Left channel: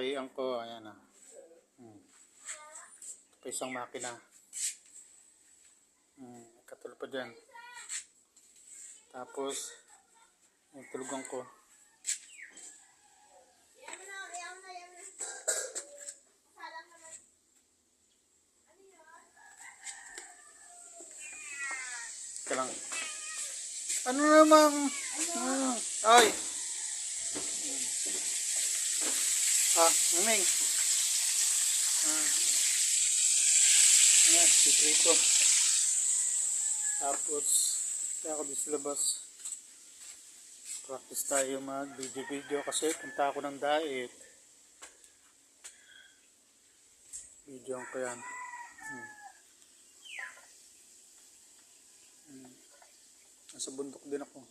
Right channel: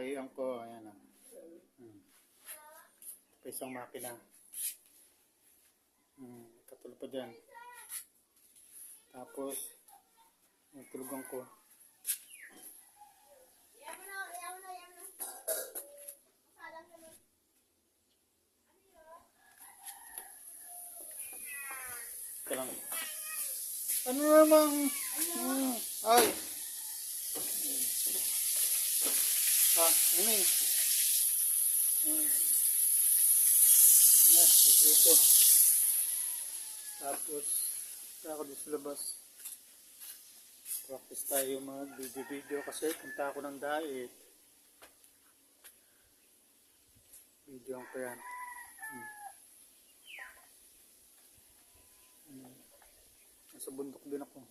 Kahiyan ko, ayan ah. Pa isang makina. Katulad pa dyan. Tapos, yung tulugan ko. Ika lang. Ano namang? Ay! Naming. Ayan, sikrito. Tapos, kaya ako dito sa labas. Practice tayo mag video kasi punta ako ng diet. Video ko yan. Nasa bundok din ako.